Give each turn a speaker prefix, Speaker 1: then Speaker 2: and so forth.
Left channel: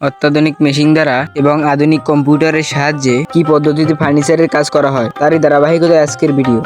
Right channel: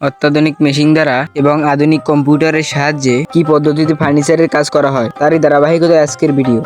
Speaker 1: অত্যাধুনিক মেশিন দ্বারা এবং আধুনিক কম্পিউটারের সাহায্যে কি পদ্ধতিতে ফার্নিচারের কাজ করা হয়, তারই ধারাবাহিকতা আজকের ভিডিও।